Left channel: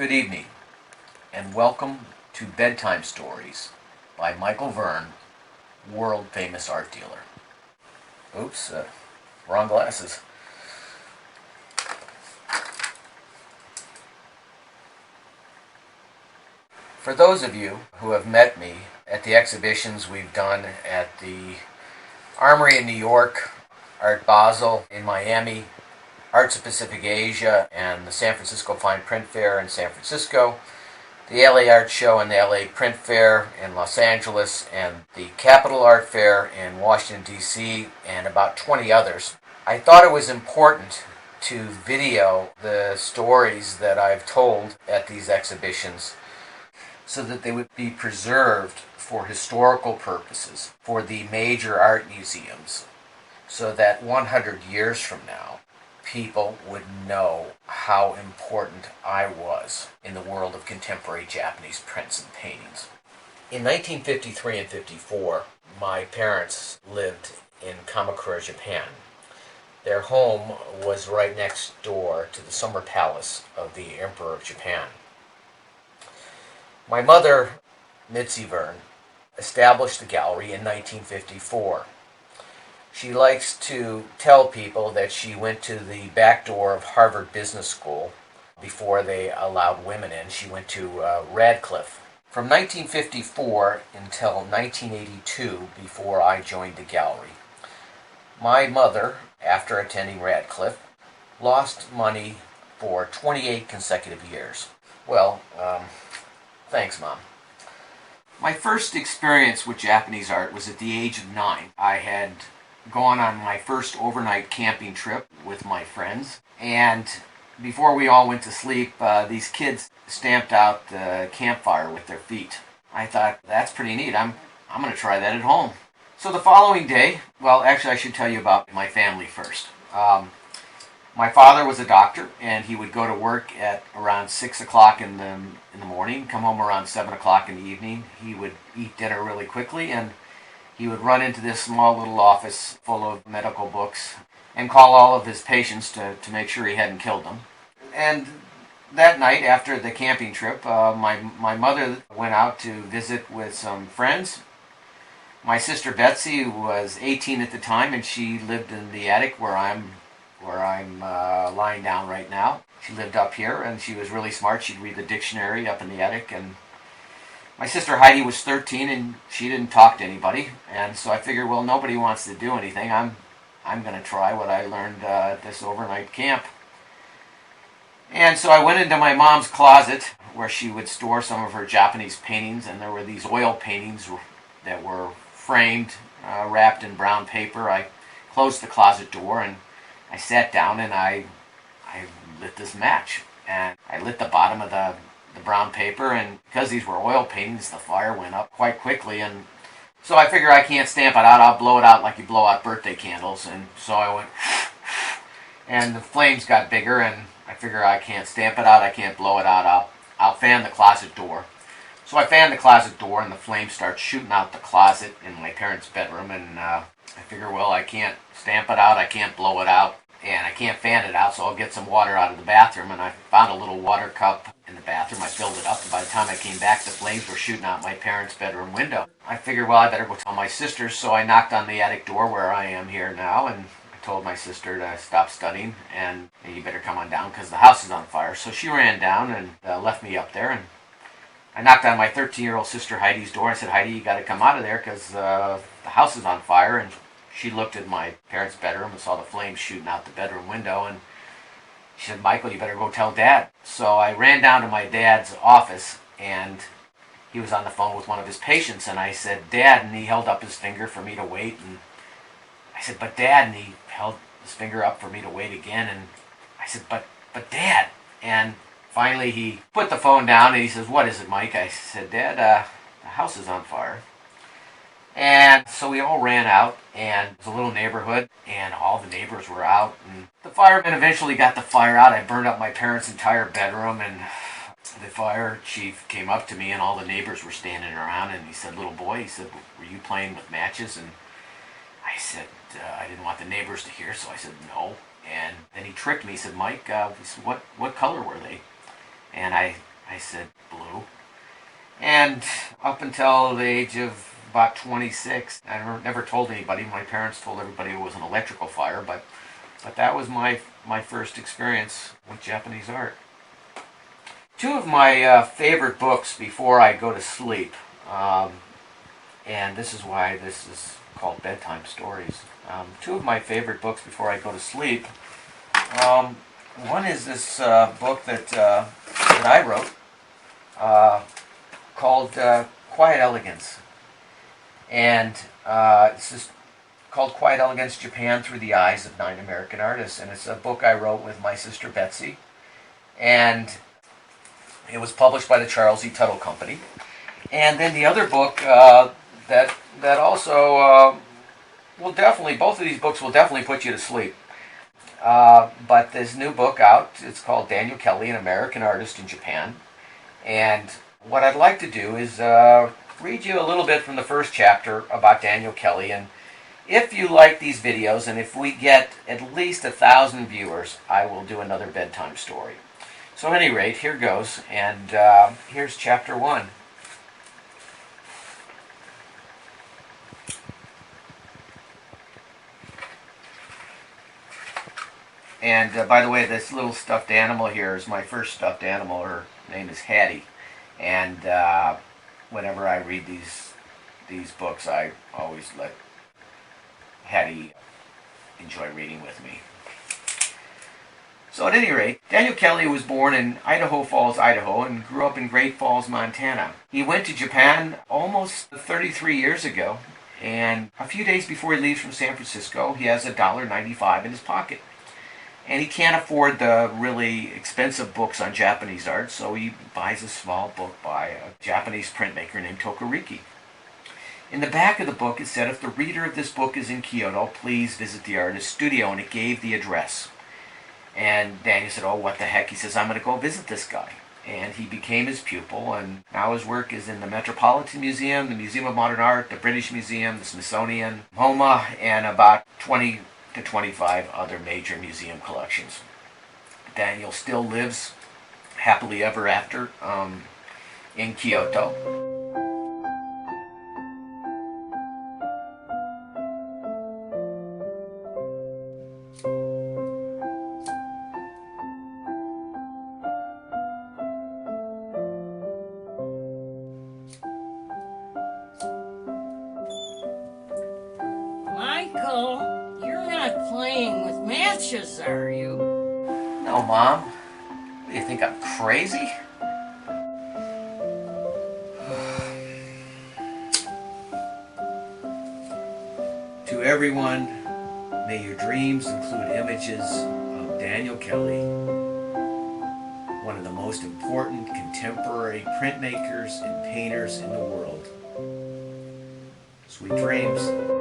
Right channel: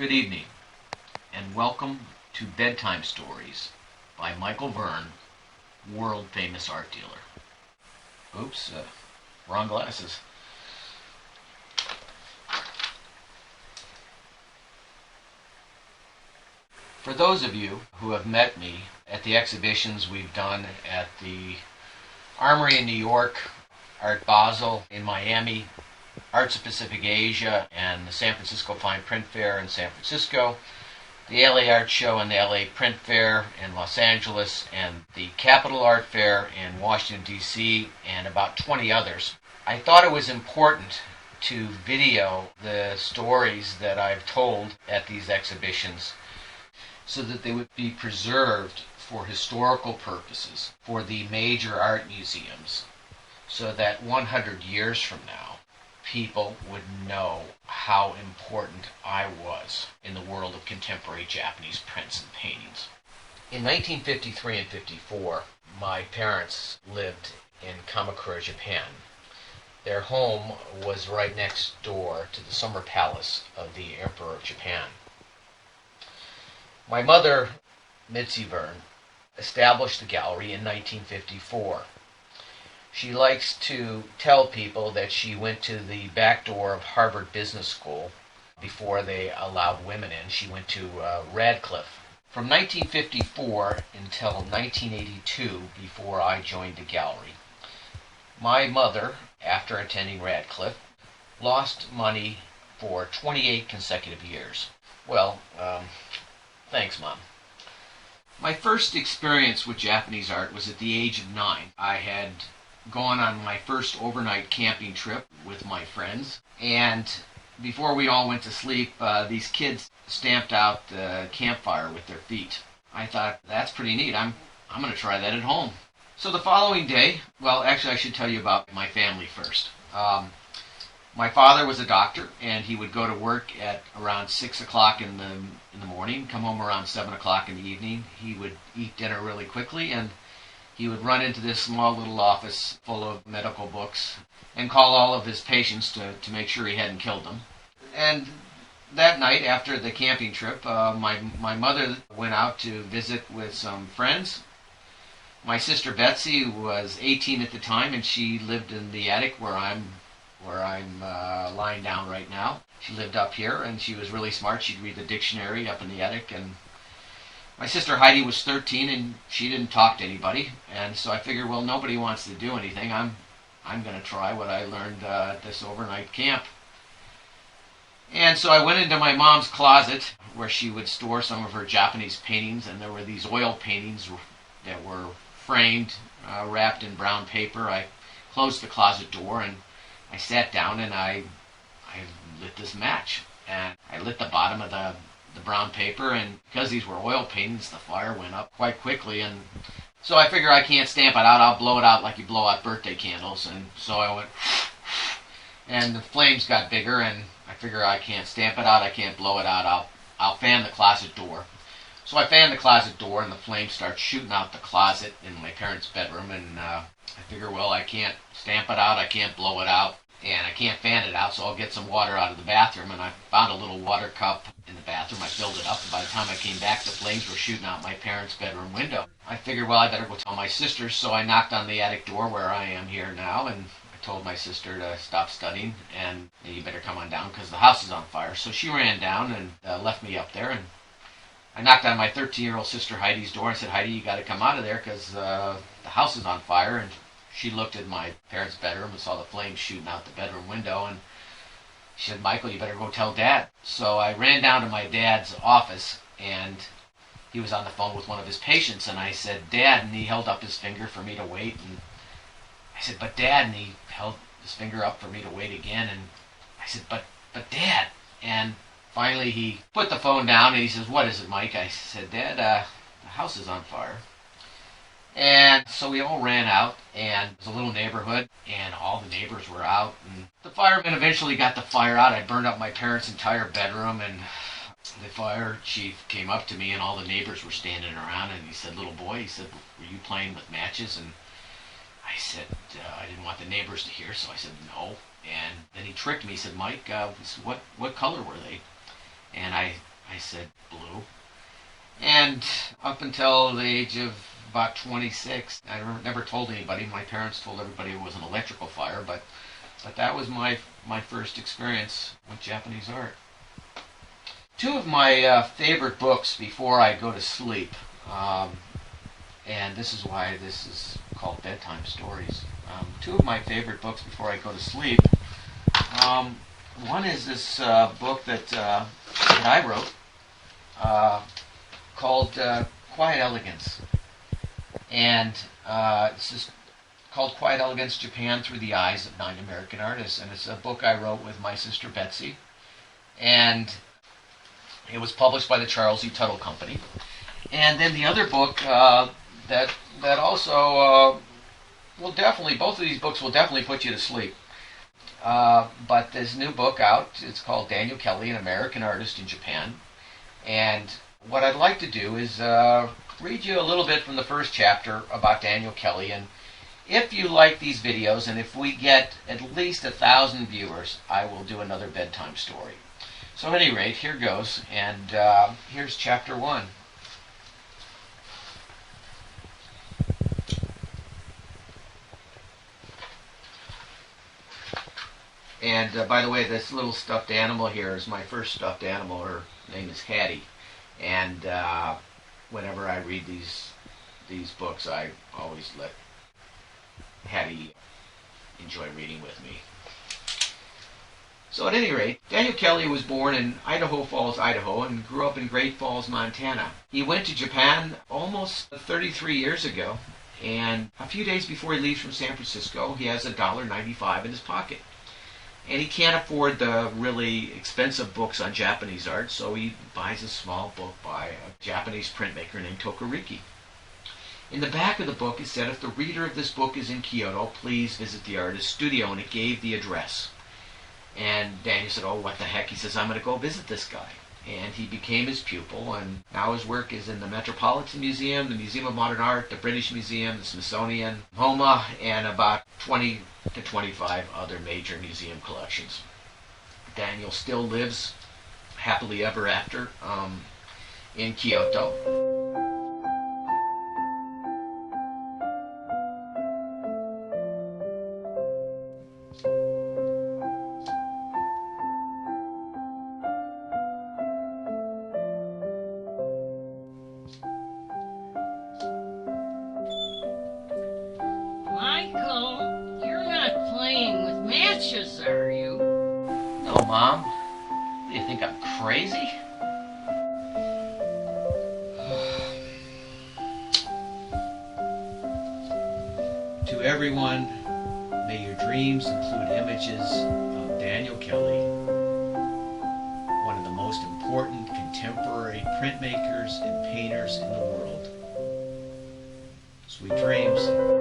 Good evening, and welcome to Bedtime Stories by Michael Verne, world-famous art dealer. Oops, wrong glasses. For those of you who have met me at the exhibitions we've done at the Armory in New York, Art Basel in Miami, Arts of Pacific Asia, and the San Francisco Fine Print Fair in San Francisco, the LA Art Show and the LA Print Fair in Los Angeles, and the Capitol Art Fair in Washington, D.C., and about 20 others. I thought it was important to video the stories that I've told at these exhibitions so that they would be preserved for historical purposes for the major art museums, so that 100 years from now, people would know how important I was in the world of contemporary Japanese prints and paintings. In 1953 and 54, my parents lived in Kamakura, Japan. Their home was right next door to the summer palace of the Emperor of Japan. My mother, Mitzi Verne, established the gallery in 1954. She likes to tell people that she went to the back door of Harvard Business School before they allowed women in. She went to Radcliffe. From 1954 until 1982, before I joined the gallery, my mother, after attending Radcliffe, lost money for 28 consecutive years. Well, thanks, Mom. My first experience with Japanese art was at the age of 9. I had gone on my first overnight camping trip with my friends, and before we all went to sleep, these kids stamped out the campfire with their feet. I thought, that's pretty neat. I'm going to try that at home. So the following day, well, actually I should tell you about my family first. My father was a doctor, and he would go to work at around 6 o'clock in the morning, come home around 7 o'clock in the evening. He would eat dinner really quickly, and he would run into this small little office full of medical books and call all of his patients to make sure he hadn't killed them. And that night, after the camping trip, my mother went out to visit with some friends. My sister Betsy was 18 at the time, and she lived in the attic where I'm lying down right now. She lived up here, and she was really smart. She'd read the dictionary up in the attic, and my sister Heidi was 13, and she didn't talk to anybody, and so I figured, well, nobody wants to do anything. I'm going to try what I learned at this overnight camp. And so I went into my mom's closet, where she would store some of her Japanese paintings, and there were these oil paintings that were framed, wrapped in brown paper. I closed the closet door, and I sat down, and I lit this match, and I lit the bottom of the brown paper, and because these were oil paintings, the fire went up quite quickly, and so I figure I can't stamp it out. I'll blow it out like you blow out birthday candles, and so I went, and the flames got bigger, and I figure I can't stamp it out, I can't blow it out, I'll fan the closet door. So I fan the closet door, and the flames start shooting out the closet in my parents' bedroom, and I figure, well, I can't stamp it out, I can't blow it out, and I can't fan it out, so I'll get some water out of the bathroom, and I found a little water cup in the bathroom. I filled it up, and by the time I came back, the flames were shooting out my parents' bedroom window. I figured, well, I better go tell my sister, so I knocked on the attic door where I am here now, and I told my sister to stop studying, and you better come on down, because the house is on fire. So she ran down and left me up there, and I knocked on my 13-year-old sister Heidi's door. I said, Heidi, you got to come out of there, because the house is on fire, and she looked at my parents' bedroom and saw the flames shooting out the bedroom window, and she said, Michael, you better go tell Dad. So I ran down to my dad's office, and he was on the phone with one of his patients, and I said, Dad, and he held up his finger for me to wait, and I said, but Dad, and he held his finger up for me to wait again, and I said, but Dad, and finally he put the phone down, and he says, what is it, Mike? I said, Dad, the house is on fire. And so we all ran out, and it was a little neighborhood, and all the neighbors were out, and the firemen eventually got the fire out. I burned up my parents' entire bedroom, and the fire chief came up to me, and all the neighbors were standing around, and he said, little boy, he said, were you playing with matches? And I said, I didn't want the neighbors to hear, so I said, no. And then he tricked me. He said, Mike, what color were they? And I up until the age of about 26. I never told anybody. My parents told everybody it was an electrical fire, but that was my first experience with Japanese art. Two of my favorite books before I go to sleep, and this is why this is called Bedtime Stories. Two of my favorite books before I go to sleep. One is this book that I wrote called Quiet Elegance. And it's just called Quiet Elegance, Japan Through the Eyes of Nine American Artists. And it's a book I wrote with my sister Betsy. And it was published by the Charles E. Tuttle Company. And then the other book that also will definitely, both of these books will definitely put you to sleep. But this new book out, it's called Daniel Kelly, an American Artist in Japan. And what I'd like to do is read you a little bit from the first chapter about Daniel Kelly. And if you like these videos, and if we get at least 1,000 viewers, I will do another bedtime story. So at any rate, here goes, and here's chapter 1. And by the way, this little stuffed animal here is my first stuffed animal. Her name is Hattie. And whenever I read these books, I always let Hattie enjoy reading with me. So at any rate, Daniel Kelly was born in Idaho Falls, Idaho, and grew up in Great Falls, Montana. He went to Japan almost 33 years ago, and a few days before he leaves from San Francisco, he has $1.95 in his pocket. And he can't afford the really expensive books on Japanese art, so he buys a small book by a Japanese printmaker named Tokariki. In the back of the book, it said, if the reader of this book is in Kyoto, please visit the artist's studio, and it gave the address. And Daniel said, oh, what the heck? He says, I'm going to go visit this guy. And he became his pupil, and now his work is in the Metropolitan Museum, the Museum of Modern Art, the British Museum, the Smithsonian, MoMA, and about 20 to 25 other major museum collections. Daniel still lives happily ever after in Kyoto. Michael, you're not playing with matches, are you? No, Mom. What, do you think I'm crazy? To everyone, may your dreams include images of Daniel Kelly, one of the most important contemporary printmakers and painters in the world. Sweet dreams.